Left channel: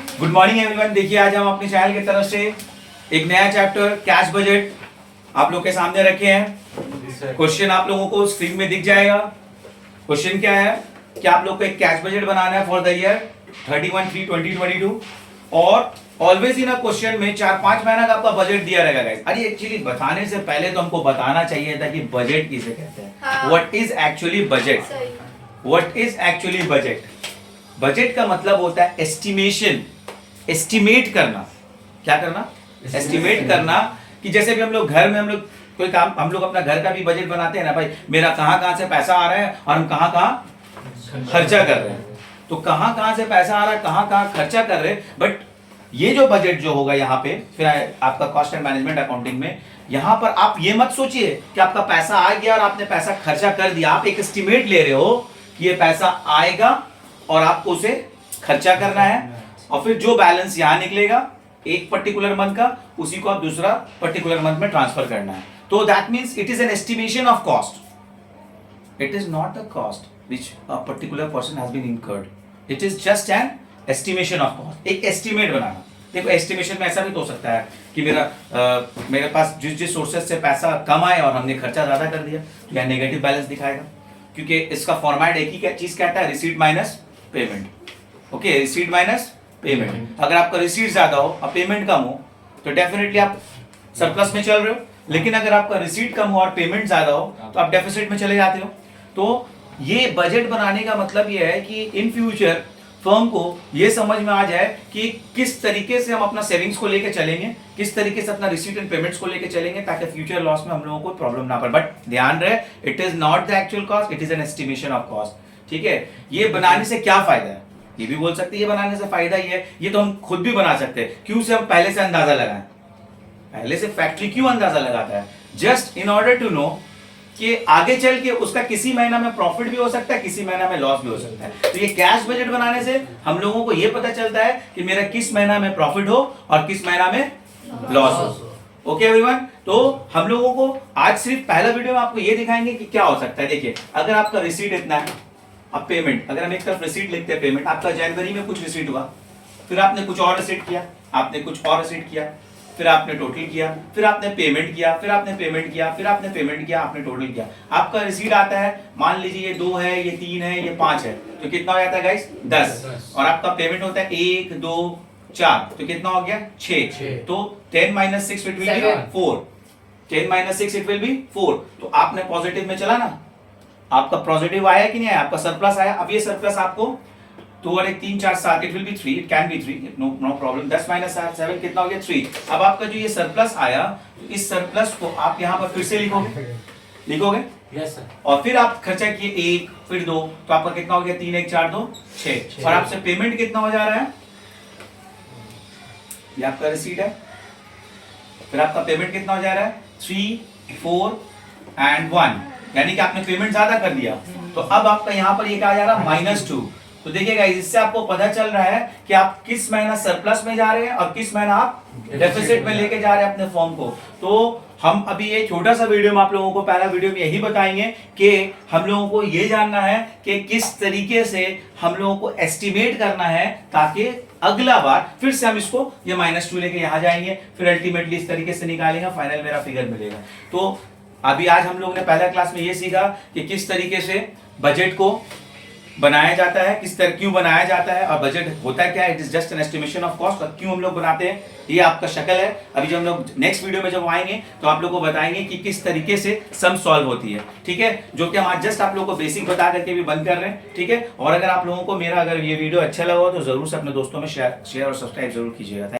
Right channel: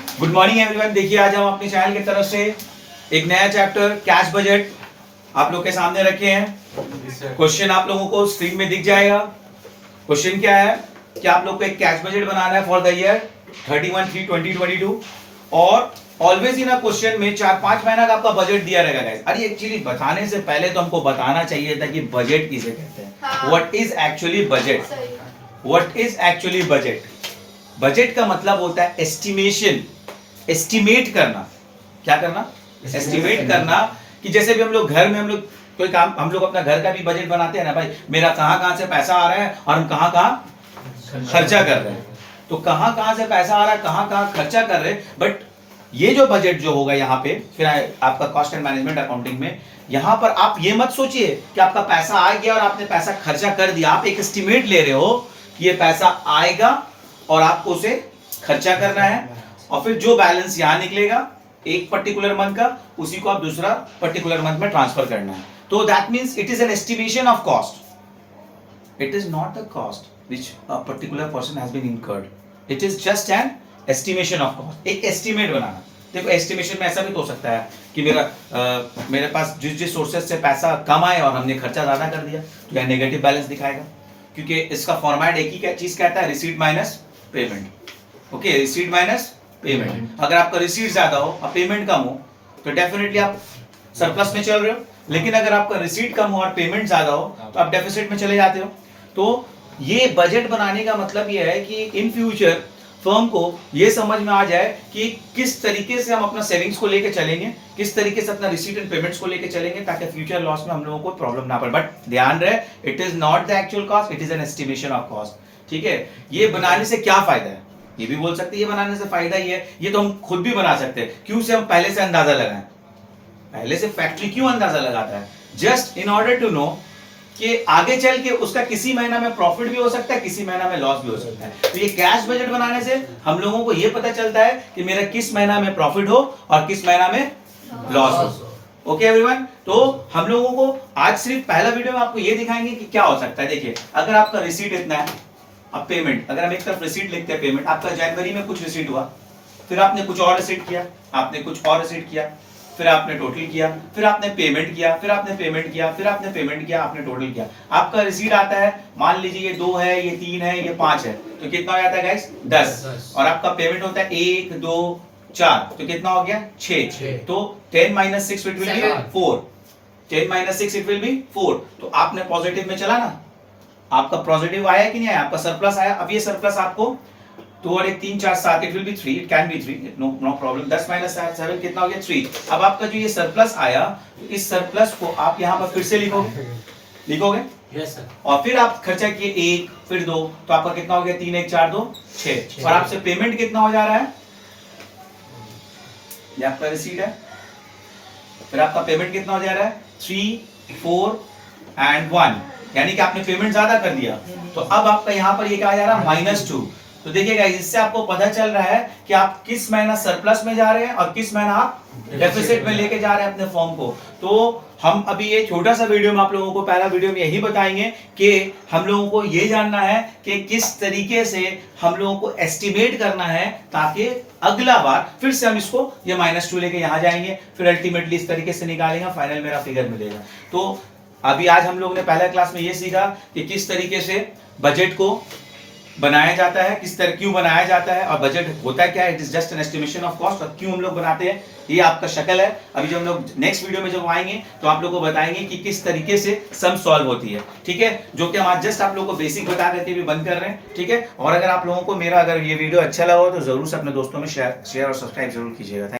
Good morning everyone. देखिए आज हम अपने चैनल की तरफ से एक नया चैप्टर कैश बजट आप लोग के सामने रखे हैं। क्वेश्चन आप लोगों को स्क्रीन में दिख जाएगा। क्वेश्चन क्या है कि आप लोग को एक कैश बजट बनाना है फॉर द ईयर 31/3/2022 और ऑलवेज इन क्वेश्चन में 4-5 महीना का आपका बजट दिया रहेगा गाइस। अरे एक्चुअली बताने से पहले तो हमको बताना चाहिए था कि बजट किसे कहते हैं। What is actually budget? What is actually budget? Budget का मतलब होता है एस्टिमेशन, एस्टिमेट करना। क्या करना? एस्टिमेट करना। कि जैसे भी हम लोग घर में हम लोग कोई काम, हम लोग अपना घर का भी बजट बनाते हैं ना भाई, मेरा कहां से पैसा आ रहा है और हम कहां खर्चा कर रहे हैं। तो कहां से पैसा आ रहा है, कहां खर्चा कर रहे हैं। बट ये जो बजट जो होगा यहाँ पे फिर आपका कॉस्ट एंड मैनेजमेंट अकाउंटिंग में, यहां पर आप ये मत सोचिए कि आपका पैसा आ गया और आपने पैसा खर्चा कर दिया। आप एक एस्टिमेट ले रहे हो कि ये पैसा आएगा और आपको उसे खर्चा करना है, और फिर जो बैलेंस यहां निकलेगा एक पर्टिकुलर मंथ का, उसी को आप दूसरा पर्टिकुलर मंथ में ट्रांसफर करना है। तो that means it is an estimation of cost. It is not the cost which a particular person has been incurred. It is just an estimation of cost. एक एस्टिमेट बनाना। देखो estimation में ऐसा भी तो हो सकता है कि मेरे पास जिस सोर्सेज से पैसा कम आए और हमने खर्चा ज्यादा कर दिया, तो यह नेगेटिव बैलेंस दिखाएगा, क्योंकि इसका फॉर्मेट एक ही चीज कहता है, receipt minus payment. Okay, receipt minus payment. अगर आपका रिसीट ज्यादा हो और पेमेंट कम हो तो डेफिनेटली आप सरप्लस में चल रहे हो, लेकिन अगर आपका रिसीट कम हो और पेमेंट ज्यादा हो तो आप डेफिसिट में चले जाते हो। तो ये बजट बनाने का मतलब ये है कि इन फ्यूचर फर्म को ये समझ में आ जाए कि किस तरीके से हम अपना सेविंग्स को लेकर चलेंगे, किस तरीके से अपना रिसीट एंड पेमेंट्स को लेकर चलेंगे, ताकि फ्यूचर लॉस में हम लोगों को प्रॉब्लम ना पड़े। बट ध्यान रहे, it is not the actual cost, it is an estimation of cost. ठीक है, ये बनाने से क्या फायदा है? ये भी बोल सकते हैं ये बनाने से फायदा ही है, ये तो हम खुद भी बना सकते हैं। क्यों से हम पहले से अंदाजा लगाएं? पहले से फैक्ट्री क्यों अंदाजा लगाता है? Just in order to know कि आगे चल के उसका किसी महीना में प्रॉफिट भी हो सकता है, किसी महीना में लॉस भी हो सकता है। तो ये कैश बजट बनाने से हम लोगों को ये पता चलता है कि मेरा किस महीना में प्रॉफिट हो और किस महीना में लॉस हो। ओके एवरीवन, तो हम लोगों को आज सिर्फ पहला वीडियो में आपको ये दिखाएंगे कि क्या हो सकता है। देखिए, अगर आपका रिसीट इतना है, अब पेमेंट, अगर हम एक तरफ रिसीट लिखते हैं पेमेंट, आपका जनवरी में कुछ रिसीट हुआ, फिर आपने कुछ और रिसीट किया, आपने कुछ और रिसीट किया, फिर आपने टोटल किया, फिर आपने पेमेंट किया, फिर आपने पेमेंट किया, फिर आपने पेमेंट किया, आपने टोटल किया। आपका रिसीट आता है, मान लीजिए ये 2 है, ये 3 है, ये 5 है, तो कितना हो जाता है गाइस? 10। और आपका पेमेंट होता है 1 2 4, तो कितना हो गया? 6। तो 10 - 6 it will B 4। 10 - 6 it will B 4। तो आपने पॉजिटिव में चला ना, आपका पॉजिटिव आया कि नहीं आया? आपका सरप्लस आया। अब ये सरप्लस आपको 2 और 1 3 4 7 it will be 3, it can be 3, no problem. 10 - 7 कितना हो गया? 3। अब आपका जो ये सरप्लस आया, तो इस सरप्लस को आप यहां पर फिर से लिखोगे यस सर। और फिर आप खर्चा किए 1 फिर 2, तो आपका कितना हो गया? 3 1 4 2 6। और आपसे पेमेंट कितना हो जा रहा है? ये आपका रिसीट है, फिर आपका पेमेंट कितना हो जा रहा है? 3 4 एंड 1, यानी कि आपने पेमेंट ज्यादा कर दिया। तो अब आपका यहां पर ये क्या आ जा रहा है? -2। तो देखिएगा, इससे आपको पता चल रहा है कि आप किस महीना सरप्लस में जा रहे हैं और किस महीना आप डेफिसिट में लेके जा रहे हैं अपने फॉर्म को। तो हम अभी ये छोटा सा वीडियो में आप लोगों को पहला वीडियो में यही बताएंगे कि हम लोगों को ये जानना है कि किस तरीके से हम लोगों को एस्टिमेट करना है, ताकि अगला बार फिर से हम इसको ये -2 लेके यहां जाएंगे, फिर अल्टीमेटली इस तरीके से निकालेंगे, फाइनल मेरा फिगर मिलेगा। तो अभी आज हम लोगों ने पहला क्लास में ये सीखा कि किस तरीके से बजट को बनाया जाता है, किस तरह क्यों बनाया जाता है, और बजट होता है क्या है, it is just an estimation of cost, और क्यों हम लोग बनाते हैं, ये आपका शक्ल है। अभी जब हम लोग नेक्स्ट वीडियो में जब आएंगे तो आप लोगों को बताएंगे कि किस तरीके से सम सॉल्व होती है। ठीक है, जो कि हम आज जस्ट आप लोगों को बेसिक बता करके भी बंद कर रहे हैं। ठीक है, और अगर आप लोगों को मेरा अगर ये वीडियो अच्छा लगा हो तो जरूर से अपने दोस्तों में शेयर और सब्सक्राइब जरूर कीजिएगा।